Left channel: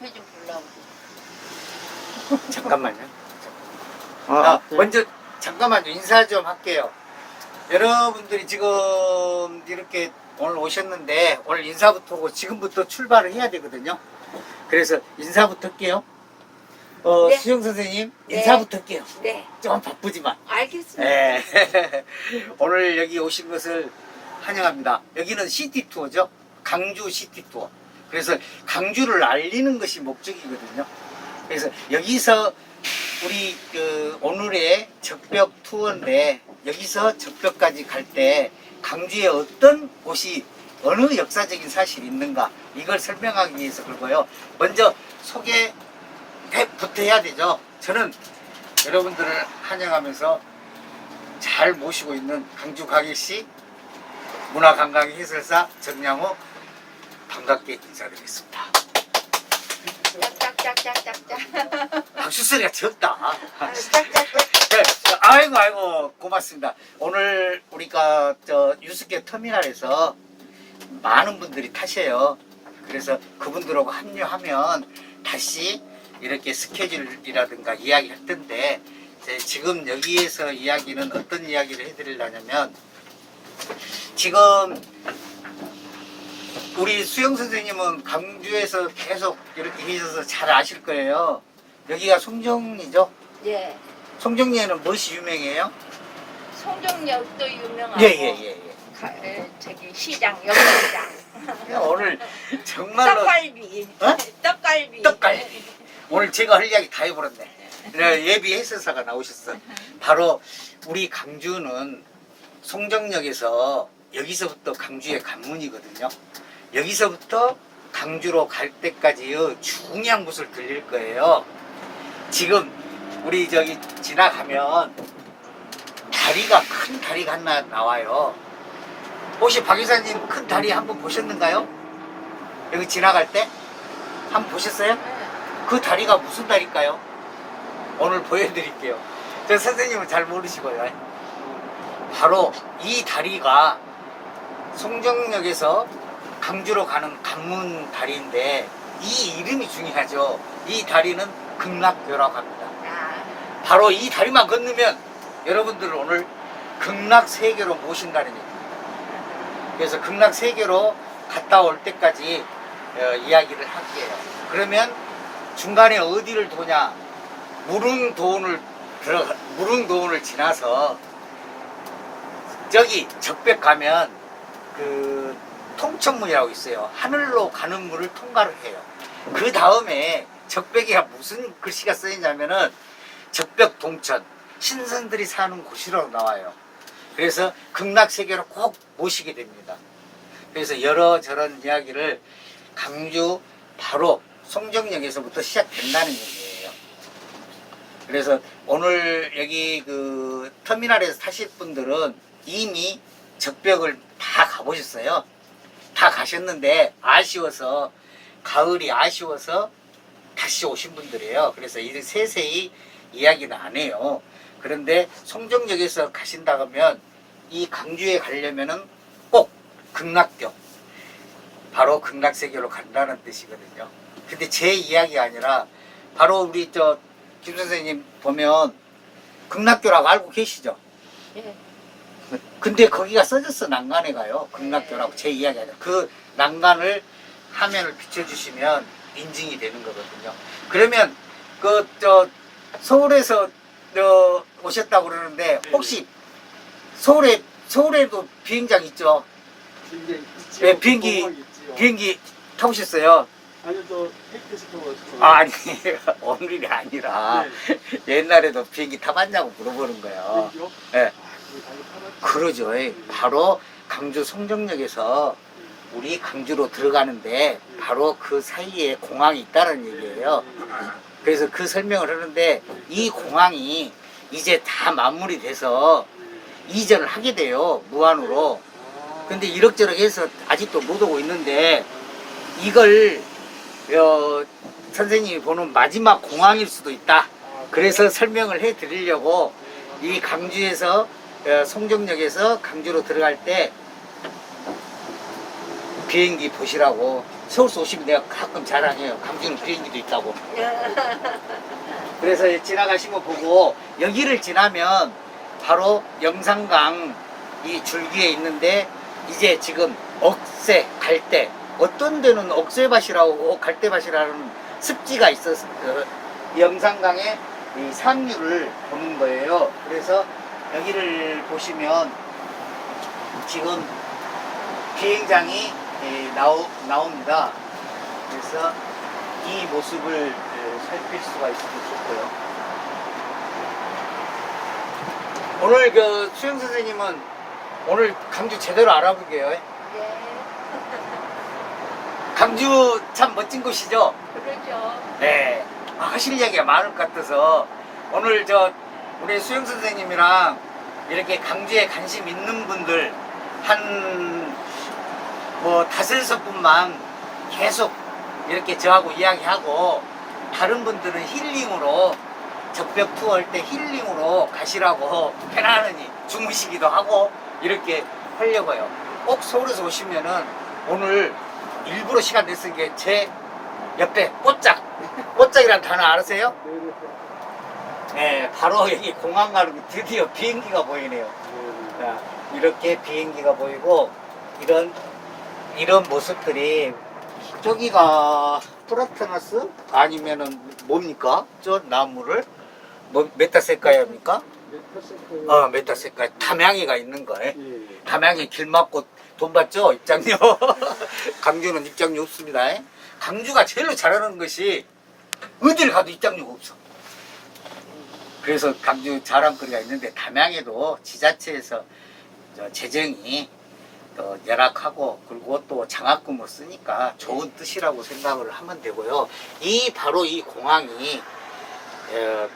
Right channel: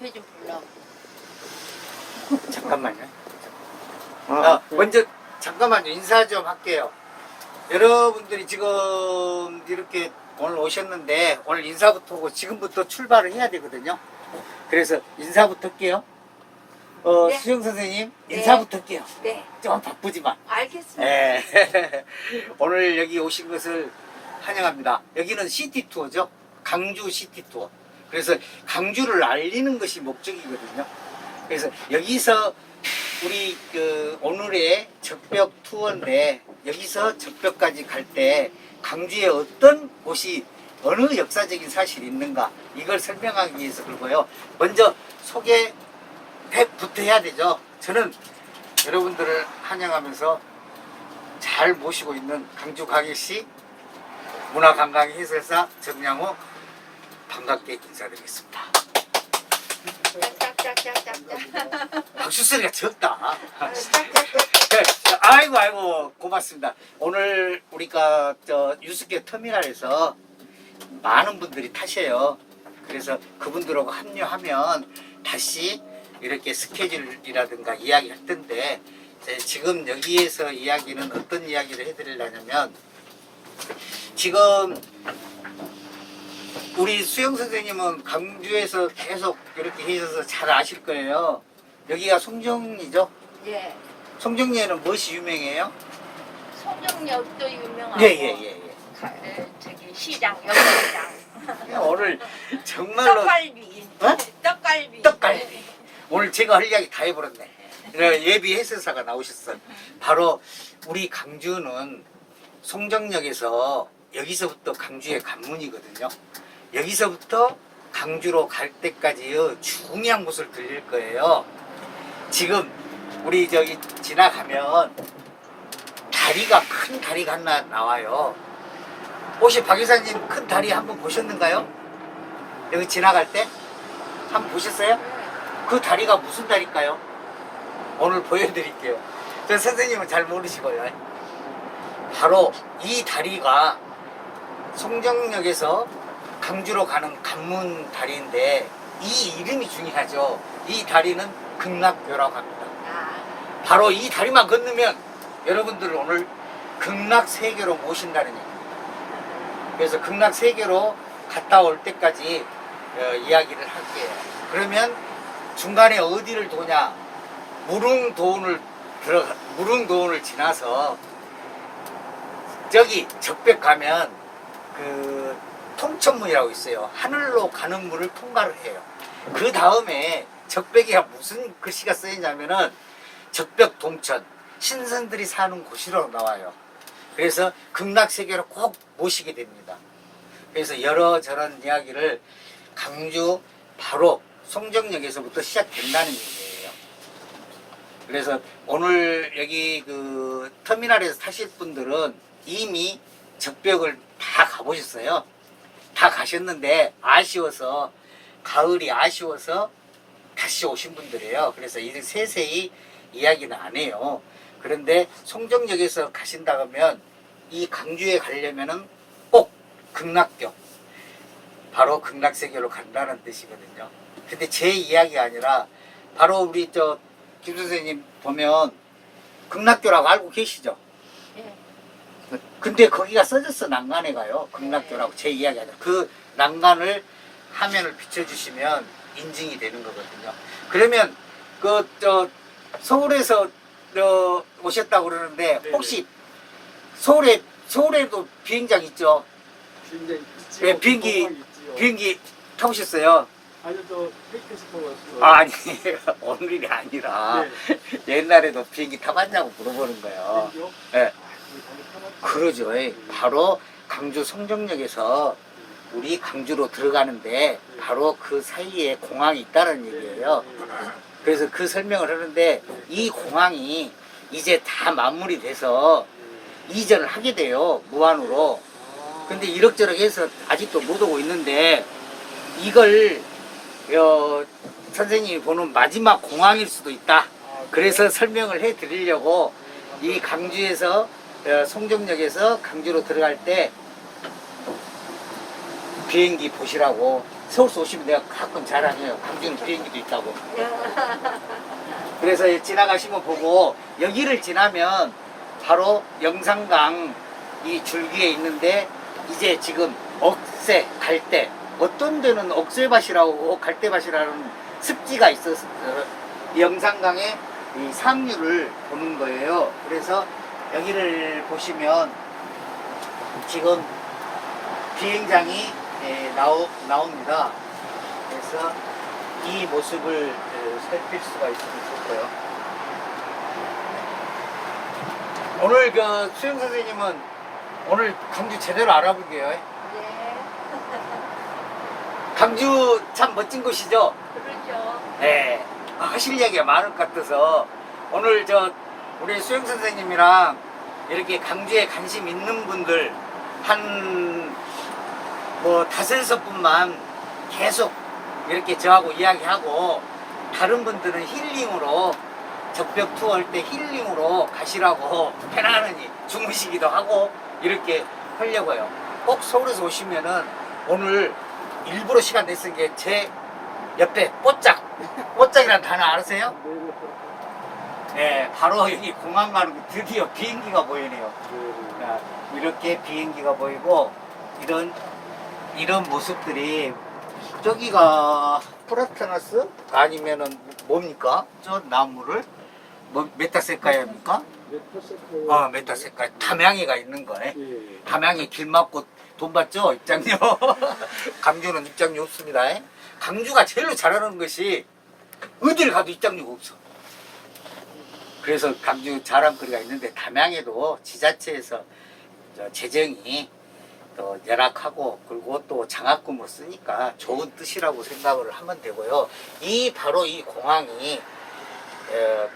앞에 좀 보려고. 잠깐만요. 아, 아, 네. 먼저 잠깐만 인사 좀 할게요. 여러분들이 지금 이렇게 오늘 오셨는데 오늘 인사부터 하고 지금부터 출발을 해야 되거든요. 그래서 인사부터 할게요. 어, 네. 수영 선생님 네. 인사부터 할게요. 네, 좀 바쁘지만. 알겠습니다. 예. 오늘 여기 오신 것을 환영합니다. 여기는 시티 투어죠. 강주 시티 투어. 그래서 강주를 알리는 것이 목적이거든요. 그래서 여기서 우리 그 오늘의 적벽 투어인데 여기서 적벽까지 갈 때 강주에 어떤 곳이 어느 역사적인 사실이 있는가 이걸 설명하기 위해서 그러고요. 먼저 소개 부터 해야 되죠. 저는 여러분들을 환영하면서 잘 모시고 있는 강주 강일시 문화관광 해설사 정량호 반갑게 인사드리겠습니다. 박수 소리가 적다. 네, 아이고 아이고 고맙습니다. 오늘 우리가 저 유스케 터미널에서 많은 분들이 타셔요. 그래서 그분들하고 합류하면 다시 이렇게 스케줄이라든가 이야기할 텐데 제 지금 여기에서 이야기는 어떤 이야기를 해드리려냐면 지금 우리 수영 선생님은 강주에서 계속 이렇게 계셔서 잘 아실 거예요. 여기가 송정리죠? 예. 송정리에는 무엇이 유명해요? 송정역도 유명하고. 예 예 예 예, 가- 에, 저기 시장 역시장. 예. 오늘 정말로 떡갈비. 어? 떡갈비. 떡갈비. 오늘 제가 할 이야기 다 해버렸네. 네, 예비 해설사가 나오셨어. 바로 우리 강주는 송정역에서 여기서부터 강주의 관문이거든요. 여기서부터 강주로 갈 때까지의 중요한 곳을 들릴 거예요. 지금 우리 저기 지나가면 다리가 큰 다리가 하나 나와요. 혹시 박 이사님 큰 다리 한번 보셨는가요? 여기 지나갈 때 한번 보셨어요? 그 다리가 무슨 다리일까요? 오늘 보여드릴게요. 저 선생님은 잘 모르시고요. 바로 이 다리가 송정역에서 강주로 가는 관문 다리인데 이 이름이 중요하죠. 이 다리는 극락교라고 합니다. 아, 바로 이 다리만 건너면 여러분들을 오늘 극락세계로 모신다는 얘기입니다. 그래서 극락세계로 갔다 올 때까지 어, 이야기를 할게요. 그러면 중간에 어디를 도냐? 무릉도원을 들어가 무릉도원을 지나서 저기 적벽 가면 그 통천문이라고 있어요. 하늘로 가는 문을 통과를 해요. 그 다음에 적벽에 무슨 글씨가 쓰이냐면은 적벽 동천 신선들이 사는 곳이라고 나와요. 그래서 극락 세계로 꼭 모시게 됩니다. 그래서 여러 저런 이야기를 강주 바로 송정역에서부터 시작된다는 얘기예요. 그래서 오늘 여기 그 터미널에서 타실 분들은 이미 적벽을 다 가보셨어요. 다 가셨는데 아쉬워서 가을이 아쉬워서 다시 오신 분들이에요. 그래서 이 세세히 이야기는 안 해요. 그런데 송정역에서 가신다 그러면 이 강주에 가려면은 꼭 극락교 바로 극락세계로 간다는 뜻이거든요. 근데 제 이야기가 아니라 바로 우리 저 김 선생님 보면 극락교라고 알고 계시죠? 예. 근데 거기가 써졌어 난간에 가요 극락교라고 제 이야기 아니라 그 난간을 화면을 비춰주시면 인증이 되는 거거든요 그러면 그 저 서울에서 저 오셨다고 그러는데 네, 혹시 서울에 서울에도 비행장 있죠. 네, 비행기-. 비행기 타보셨어요 아니요 저 헬리콥터 아, 아니 오늘이 아니라 네. 옛날에도 비행기 타봤냐고 물어보는 거예요 비행기요? 네. 그러죠. 예. 바로 강주 송정역에서 우리 강주로 들어가는데 바로 그 사이에 공항이 있다는 얘기예요. 그래서 그 설명을 하는데 이 공항이 이제 다 마무리 돼서 이전을 하게 돼요. 무한으로. 근데 이럭저럭 해서 아직도 못 오고 있는데 이걸 어, 선생님이 보는 마지막 공항일 수도 있다. 그래서 설명을 해 드리려고 이 강주에서 어, 송정역에서 강주로 들어갈 때 비행기 보시라고 서울서 오시면 내가 가끔 자랑해요. 강진은 비행기도 있다고. 그래서 지나가시면 보고 여기를 지나면 바로 영산강 이 줄기에 있는데 이제 지금 억새, 갈대 어떤 데는 억새밭이라고 갈대밭이라는 습지가 있어서 이 영산강의 이 상류를 보는 거예요. 그래서 여기를 보시면 지금 비행장이 예, 나오, 나옵니다. 그래서 이 모습을 예, 살필 수가 있으면 좋고요. 오늘 그 수영 선생님은 오늘 강주 제대로 알아보게요. 예. 강주 참 멋진 곳이죠. 그러죠. 네. 아, 하실 이야기가 많을 것 같아서 오늘 저 우리 수영 선생님이랑 이렇게 강주에 관심 있는 분들 한 뭐 다섯섯 분만 계속 이렇게 저하고 이야기하고 다른 분들은 힐링으로 적벽 투어 할 때 힐링으로 가시라고 편안히 주무시기도 하고 이렇게 하려고요. 꼭 서울에서 오시면은 오늘 일부러 시간 냈으니까 제 옆에 뽀짝 뽀짝이란 단어 아세요? 네, 바로 여기 공항 가는 게 드디어 비행기가 보이네요. 자, 이렇게 비행기가 보이고 이런 이런 모습들이 저기가 프라테나스 아니면은 뭡니까? 저 나무를 뭐 메타세카야입니까? 어, 메타세카 담양이가 있는 거예요. 예. 담양에 길 막고 돈 받죠 입장료. 강주는 입장료 없습니다. 강주가 제일로 잘하는 것이 어딜 가도 입장료가 없어. 그래서 강주 자랑거리가 있는데 담양에도 지자체에서 저 재정이 또 열악하고 그리고 또 장학금을 쓰니까 좋은 뜻이라고 생각을 하면 되고요. 이 바로 이 공항이 에,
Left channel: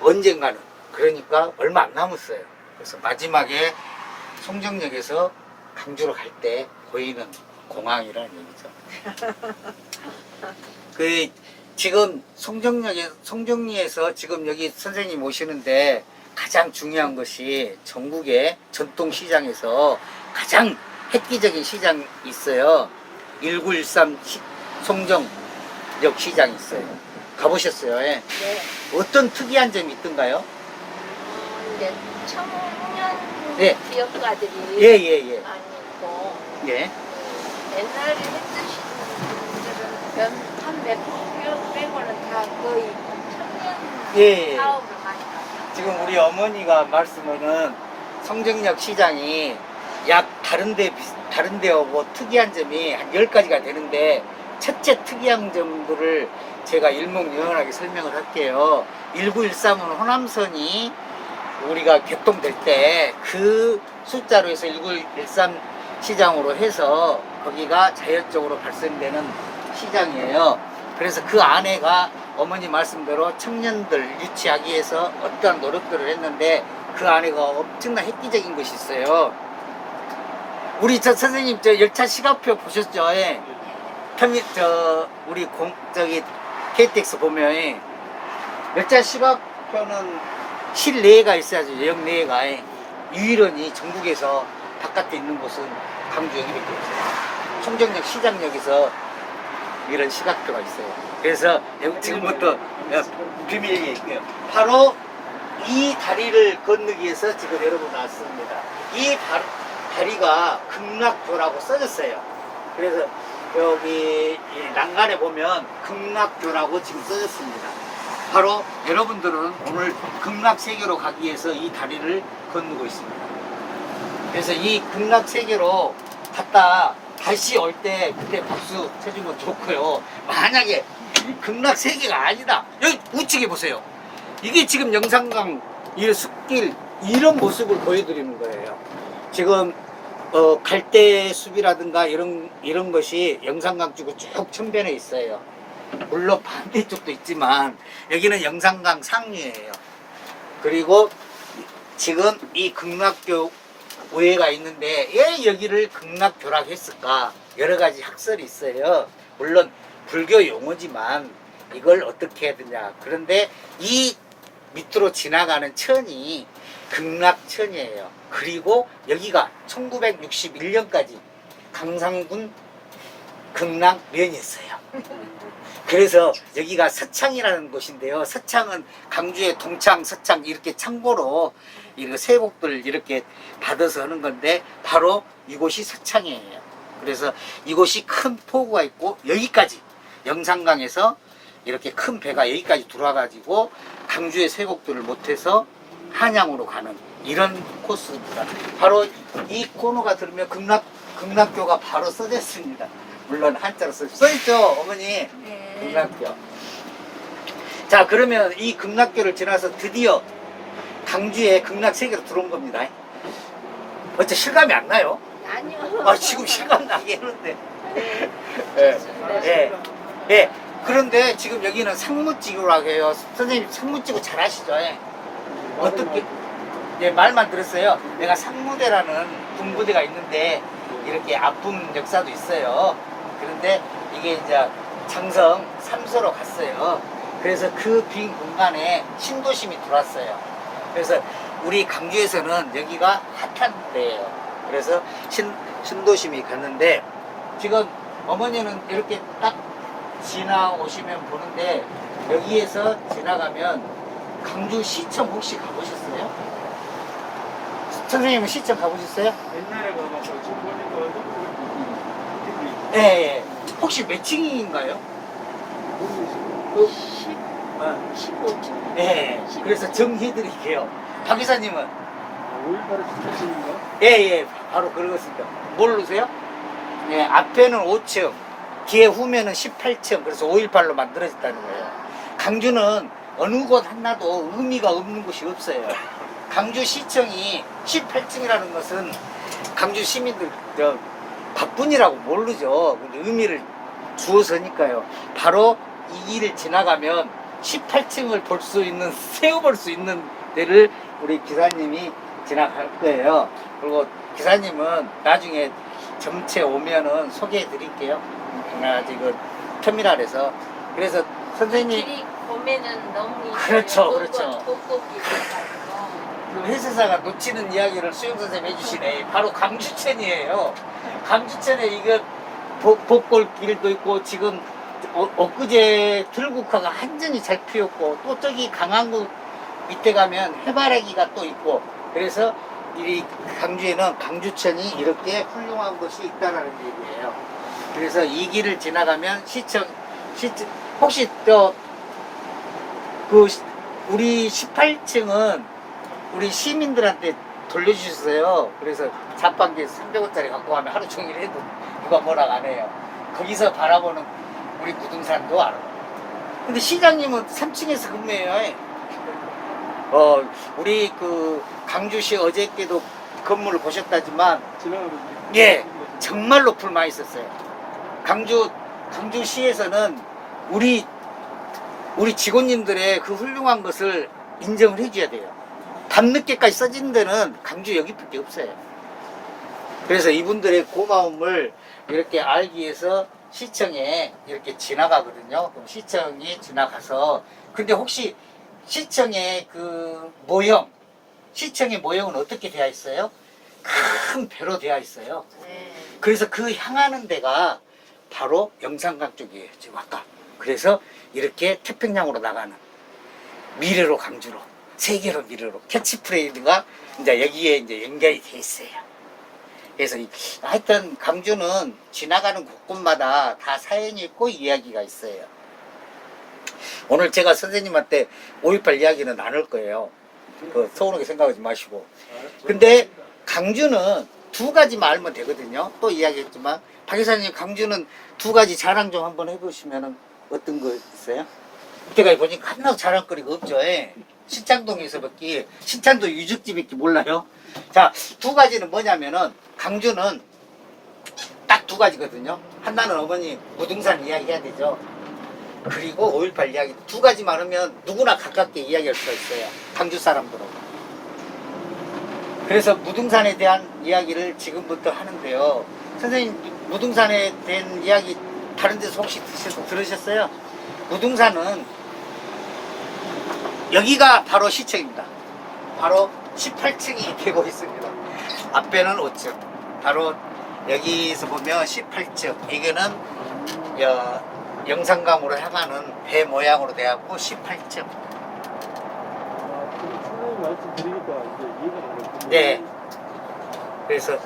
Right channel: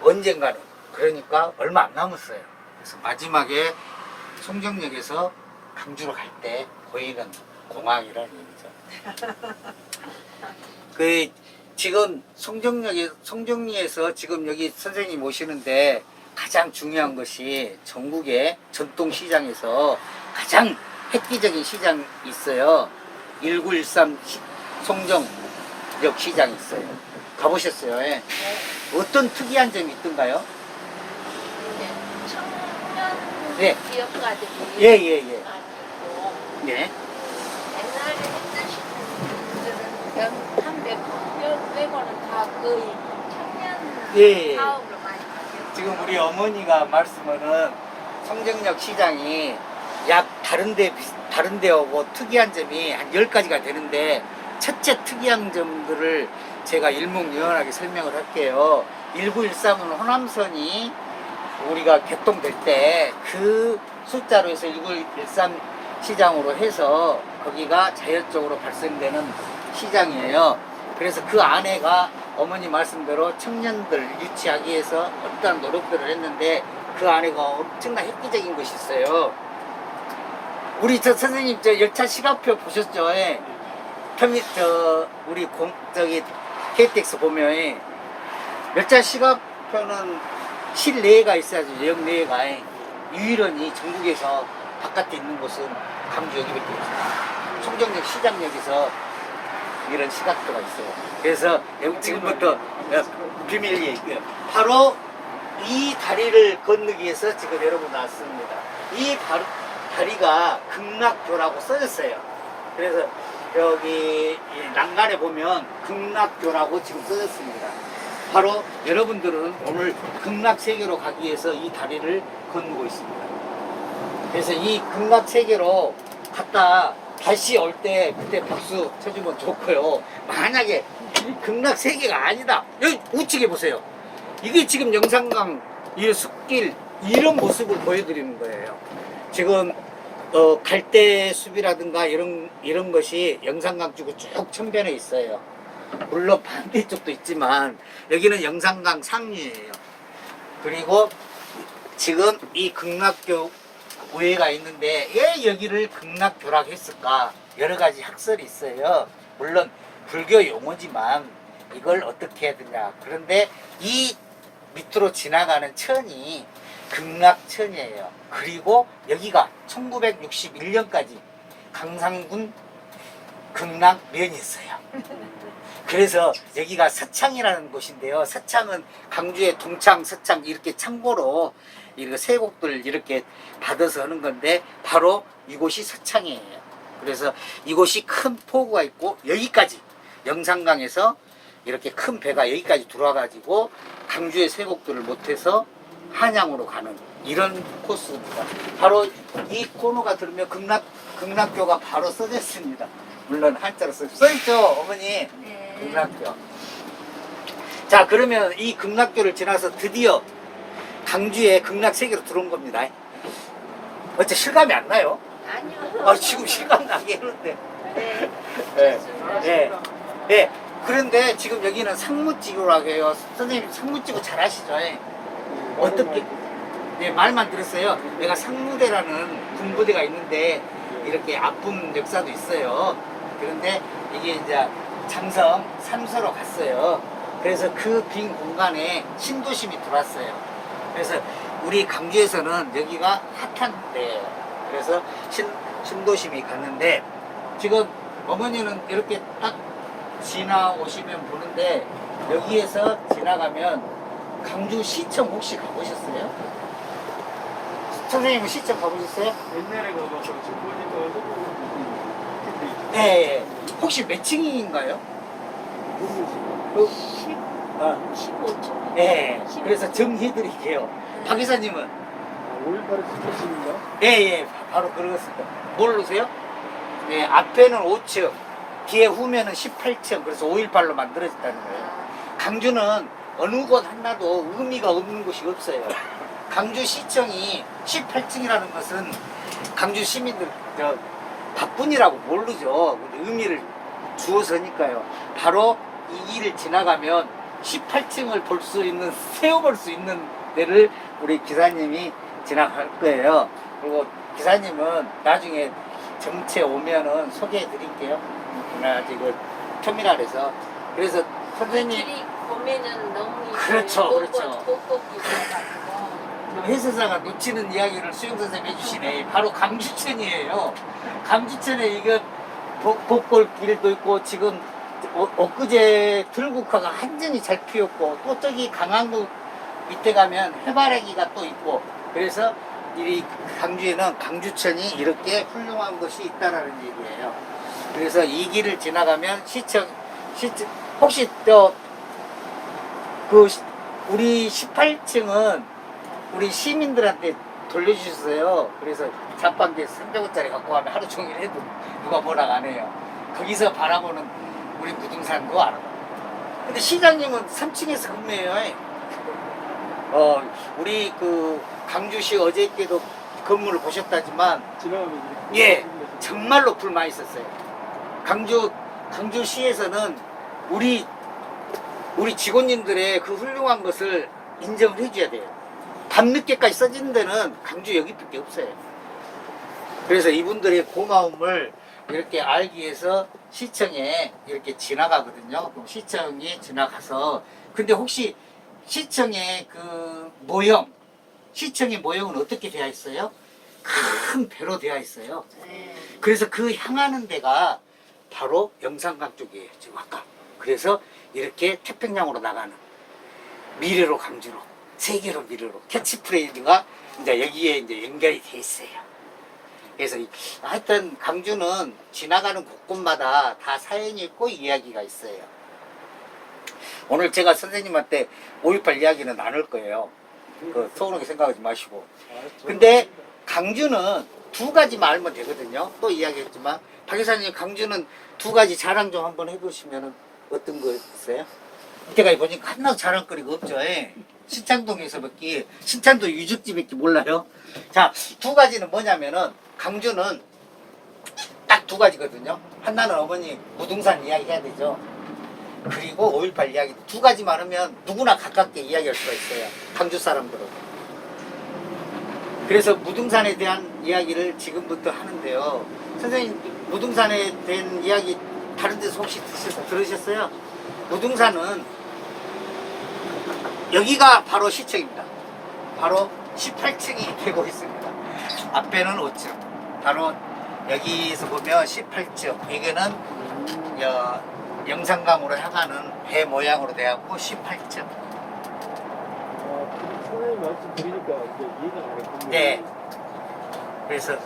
언젠가는 그러니까 얼마 안 남았어요. 그래서 마지막에 송정역에서 강주로 갈 때 보이는 공항이라는 얘기죠. 그 지금 송정역에 송정리에서 지금 여기 선생님 오시는데 가장 중요한 것이 전국의 전통 시장에서 가장 획기적인 시장이 있어요. 1913 시- 송정역 시장이 있어요. 가보셨어요? 예. 네. 어떤 특이한 점이 있던가요? 이제 청년 네. 기업가들이 예, 예, 예. 많이 있고 예. 옛날 빼고는 다 거의 청년 예, 예. 사업으로 많이 하죠. 지금 우리 어머니가 말씀하는 성정역 시장이 약 다른데 비- 다른 데하고 특이한 점이 한 10가지가 되는데 첫째 특이한 점들을 제가 일목요연하게 설명을 할게요. 1913은 호남선이 우리가 개통될 때 그 숫자로 해서 1913 시장으로 해서 거기가 자연적으로 발생되는 시장이에요. 그래서 그 안에가 어머니 말씀대로 청년들 유치하기 위해서 어떠한 노력들을 했는데 그 안에가 엄청난 획기적인 것이 있어요. 우리 저 선생님 저 열차 시간표 보셨죠? 예. 편미 저 우리 공 저기 KTX 보면 예. 열차 시간표는 실내가 있어야죠. 역내가 예. 유일하니 전국에서 바깥에 있는 곳은 강주 여기밖에 없어요. 총정역 시장역에서 이런 시각표가 있어요. 그래서 지금부터 어, 비밀 얘기예요. 바로 이 다리를 건너기 위해서 지금 여러분 나왔습니다. 이 다, 다리가 극락교라고 써졌어요. 그래서 여기 이 난간에 보면 극락교라고 지금 써졌습니다. 바로 여러분들은 오늘 극락세계로 가기 위해서 이 다리를 건너고 있습니다. 그래서 이 극락세계로 갔다 다시 올 때 그때 박수 쳐주면 좋고요. 만약에 이 극락 세계가 아니다. 여기 우측에 보세요. 이게 지금 영산강 이 숲길 이런 모습을 보여드리는 거예요. 지금 어, 갈대 숲이라든가 이런 이런 것이 영산강 쪽으로 쭉 천변에 있어요. 물론 반대쪽도 있지만 여기는 영산강 상류예요. 그리고 지금 이 극락교 우회가 있는데 왜 여기를 극락교라고 했을까? 여러 가지 학설이 있어요. 물론 불교 용어지만 이걸 어떻게 해야 되냐. 그런데 이 밑으로 지나가는 천이 극락천이에요. 그리고 여기가 1961년까지 강상군 극락면이었어요. 그래서 여기가 서창이라는 곳인데요. 서창은 강주의 동창, 서창 이렇게 창고로 이렇게 세곡들 이렇게 받아서 하는 건데 바로 이곳이 서창이에요. 그래서 이곳이 큰 포구가 있고 여기까지 영산강에서 이렇게 큰 배가 여기까지 들어와가지고 강주의 세곡들을 못해서 한양으로 가는 이런 코스입니다. 바로 이 코너가 들으면 극락 극락교가 바로 써져 있습니다. 물론 한자로 써, 써 있죠, 어머니. 네. 극락교. 자, 그러면 이 극락교를 지나서 드디어 강주의 극락 세계로 들어온 겁니다. 어째 실감이 안 나요? 아니요. 아, 지금 실감 나게 하는데. 네. 예. 예. 예. 그런데 지금 여기는 상무지구라고 해요. 선생님 상무지구 잘 아시죠? 예. 어떻게, 예, 말만 들었어요. 내가 상무대라는 군부대가 있는데 이렇게 아픈 역사도 있어요. 그런데 이게 이제 장성 삼소로 갔어요. 그래서 그 빈 공간에 신도심이 들어왔어요. 그래서 우리 강주에서는 여기가 핫한 데예요. 그래서 신, 신도심이 갔는데 지금 어머니는 이렇게 딱 지나오시면 보는데 여기에서 지나가면 강주 시청 혹시 가보셨어요? 선생님 시청 가보셨어요? 옛날에 가봐서 지금 보니까 네. 예. 혹시 몇 층인가요? 그, 10, 어, 15초. 네. 그래서 정해드릴게요. 박 이사님은? 아, 5.18에 집중인가? 예, 예. 바로 그러겠습니다. 모르세요? 예, 앞에는 5층, 뒤에 후면은 18층. 그래서 518로 만들어졌다는 거예요. 강주는 어느 곳 하나도 의미가 없는 곳이 없어요. 강주시청이 18층이라는 것은 강주 시민들 저 바쁜이라고 모르죠. 근데 의미를 주어서니까요. 바로 이 길을 지나가면 18층을 볼 수 있는 세어볼 수 있는 데를 우리 기사님이 지나갈 거예요. 그리고 기사님은 나중에 점체 오면은 소개해 드릴게요. 그냥 지금 터미널에서 그래서 선생님 길이 보면은 너무 그렇죠, 그렇죠. 그 회사사가 놓치는 이야기를 수영 선생님 해주시네. 바로 강주천이에요. 강주천에 이게 복- 복골 길도 있고 지금 어, 엊그제 들국화가 완전히 잘 피었고 또 저기 강한구 밑에 가면 해바라기가 또 있고 그래서 이 강주에는 강주천이 이렇게 훌륭한 것이 있다라는 얘기예요. 그래서 이 길을 지나가면 시청 시청 혹시 또그 우리 18층은 우리 시민들한테 돌려주셨어요. 그래서 자판기 300원짜리 갖고 가면 하루 종일 해도 누가 뭐라 안 해요. 거기서 바라보는 우리 부동산도 알아. 근데 시장님은 3층에서 근무해요. 어, 우리 그 강주시 어저께도 건물을 보셨다지만 지나가면 예, 정말로 불 많이 썼어요. 강주 강주시에서는 우리 우리 직원님들의 그 훌륭한 것을 인정을 해줘야 돼요. 밤늦게까지 써진 데는 강주 여기밖에 없어요. 그래서 이분들의 고마움을 이렇게 알기 위해서 시청에 이렇게 지나가거든요. 그럼 시청이 지나가서 근데 혹시 시청의 그 모형 시청의 모형은 어떻게 되어 있어요? 큰 배로 되어 있어요. 네. 그래서 그 향하는 데가 바로 영산강 쪽이에요. 지금 아까. 그래서 이렇게 태평양으로 나가는 미래로 강주로 세계로 미래로 캐치프레이즈가 이제 여기에 이제 연결이 돼 있어요. 그래서 이- 하여튼 강주는 지나가는 곳곳마다 다 사연이 있고 이야기가 있어요. 오늘 제가 선생님한테 5.18 이야기는 나눌 거예요. 그 서운하게 생각하지 마시고. 근데 강주는 두 가지만 알면 되거든요. 또 이야기했지만 박 이사님 강주는 두 가지 자랑 좀 한번 해보시면 어떤 거 있어요? 제가 보니까 하나도 자랑거리가 없죠. 예. 신창동에서 밖에 신창동 유적지밖에 몰라요. 자, 두 가지는 뭐냐면은 강주는 딱 두 가지거든요. 하나는 어머니 부동산 이야기 해야 되죠. 그리고 5.18 이야기 두 가지만 하면 누구나 가깝게 이야기할 수가 있어요. 강주 사람들은. 그래서 무등산에 대한 이야기를 지금부터 하는데요. 선생님, 무등산에 대한 이야기 다른 데서 혹시 들으셨어요? 무등산은 여기가 바로 시청입니다. 바로 18층이 되고 있습니다. 앞에는 5층. 바로 여기서 보면 18층. 이거는 여, 영산강으로 향하는 배 모양으로 돼갖고 18점. 선생님 말씀 드리니까 이제 이해가 가겠군요. 네. 그래서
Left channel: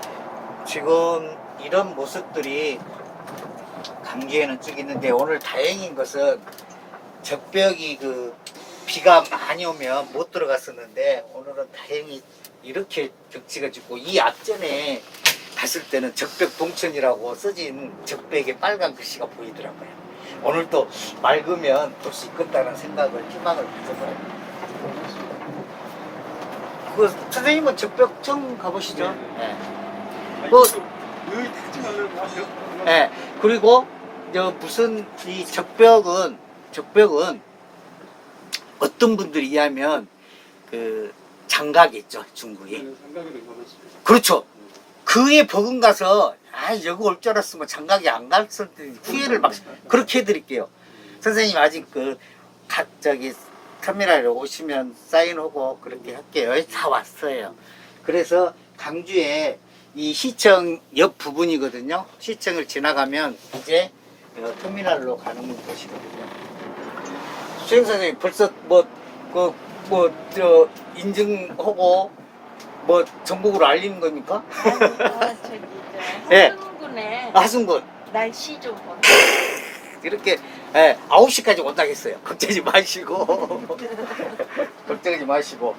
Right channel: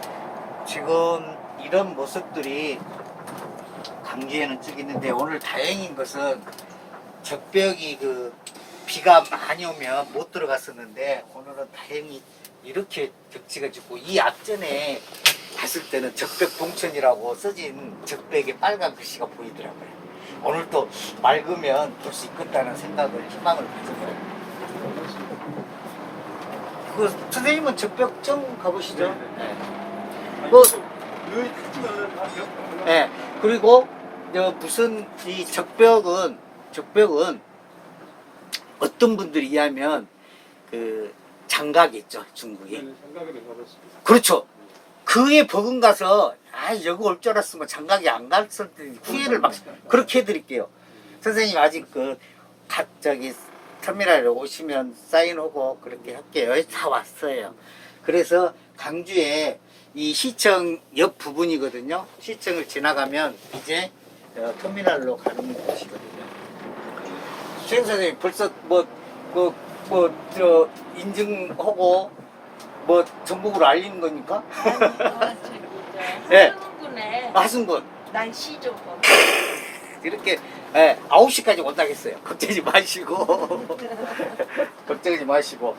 지금 이런 모습들이 강주에는 쭉 있는데 오늘 다행인 것은 적벽이 그 비가 많이 오면 못 들어갔었는데 오늘은 다행히 이렇게 경치가 좋고 이 앞전에 갔을 때는 적벽 동천이라고 써진 적벽에 빨간 글씨가 보이더라고요. 오늘 또 맑으면 볼 수 있겠다는 생각을 희망을 가져봐요. 그 선생님은 적벽 처음 가보시죠? 네. 네. 아니, 뭐- 가지고 예, 그리고 저 무슨 이 적벽은 적벽은 어떤 분들이 이해하면 그 장각이 있죠 중국이. 생각이 받았습니다. 그렇죠. 그에 버금가서 아 여기 올 줄 알았으면 장각이 안 갔을 때 후회를 막 그렇게 해드릴게요. 선생님 아직 그 가, 저기 터미널에 오시면 사인하고 그렇게 할게요. 다 왔어요. 그래서 강주에 이 시청 옆 부분이거든요. 시청을 지나가면 이제 어, 터미널로 가는 곳이거든요 수행 선생님 벌써 뭐그뭐저 인증하고 뭐 전국으로 알리는 겁니까? 아니, 어, 저기 예. 저 하승군에 하승군 날씨 좀 봐. 이렇게 예, 9시까지 온다겠어요. 걱정하지 마시고. 걱정하지 마시고.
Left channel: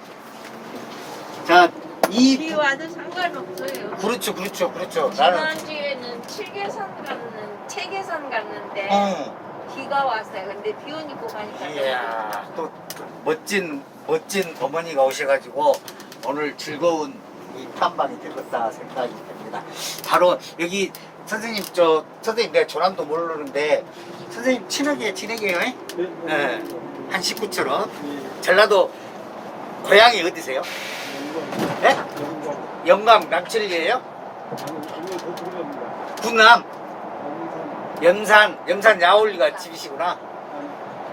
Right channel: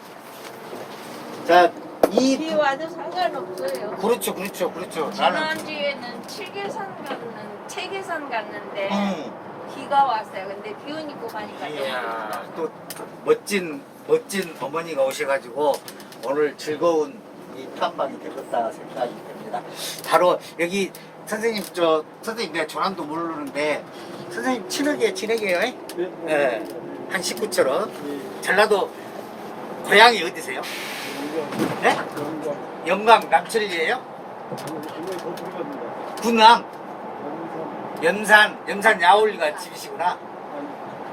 자, 이비 와도 상관없어요. 그렇죠, 그렇죠, 그렇죠. 나는 지난주에는 칠계산 갔는 체계산 갔는데 음, 비가 왔어요. 근데 비 오니까 가니까 너무 이야, 좋다. 또, 또 멋진 멋진 어머니가 오셔가지고 오늘 즐거운 이 탐방이 되겠다 생각이 됩니다. 바로 여기 선생님 저 선생님 내가 전함도 모르는데 선생님 친하게 지내게요. 예? 네. 네. 한 식구처럼 네. 전라도 고향이 어디세요? 네? 영감 남철이에요? 군남. 염산 염산 야올리가 집이시구나.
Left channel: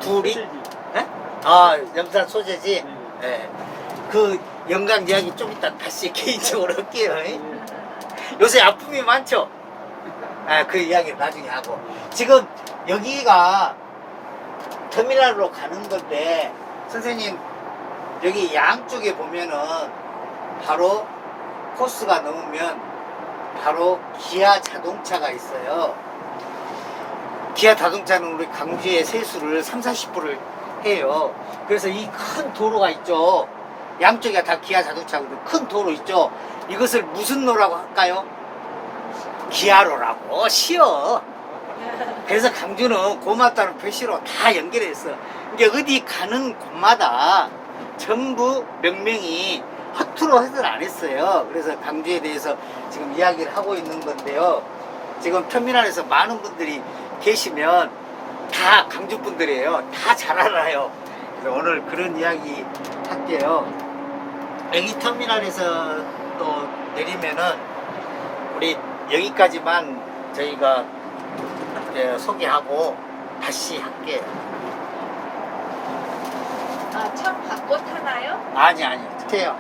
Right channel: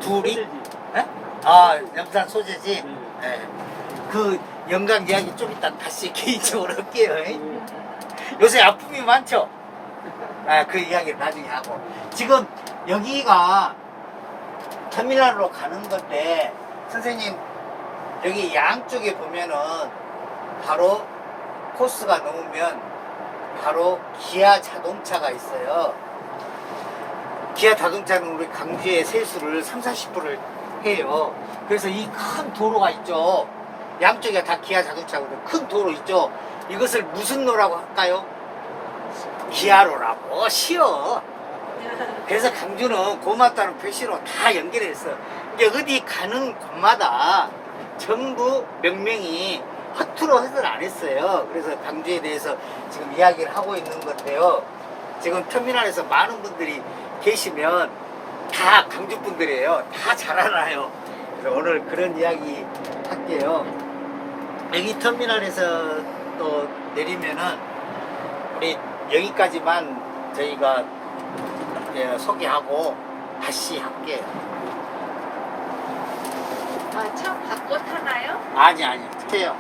둘이? 소세지. 아 염산 소재지. 네. 네. 그 영감 이야기 좀 이따 다시 개인적으로 할게요. 예? 네. 요새 아픔이 많죠? 아, 그 이야기 나중에 하고. 지금 여기가 터미널로 가는 건데, 선생님, 여기 양쪽에 보면은 바로 코스가 넘으면 바로 기아 자동차가 있어요. 기아 자동차는 우리 광주에 세수를 3, 40%를 해요. 그래서 이 큰 도로가 있죠. 양쪽에 다 기아 자동차거든요. 큰 도로 있죠. 이것을 무슨 로라고 할까요? 기아로라고 쉬워. 그래서 강주는 고맙다는 표시로 다 연결했어. 이게 어디 가는 곳마다 전부 명명이 허투루 하들 안 했어요. 그래서 강주에 대해서 지금 이야기를 하고 있는 건데요. 지금 터미널에서 많은 분들이 계시면 다 강주 분들이에요. 다 잘 알아요. 그래서 오늘 그런 이야기 할게요. 여기 터미널에서 또 내리면은 우리 여기까지만 저희가 이제 소개하고 다시 할게요. 아, 참 바꿔 타나요? 아니 아니, 해요.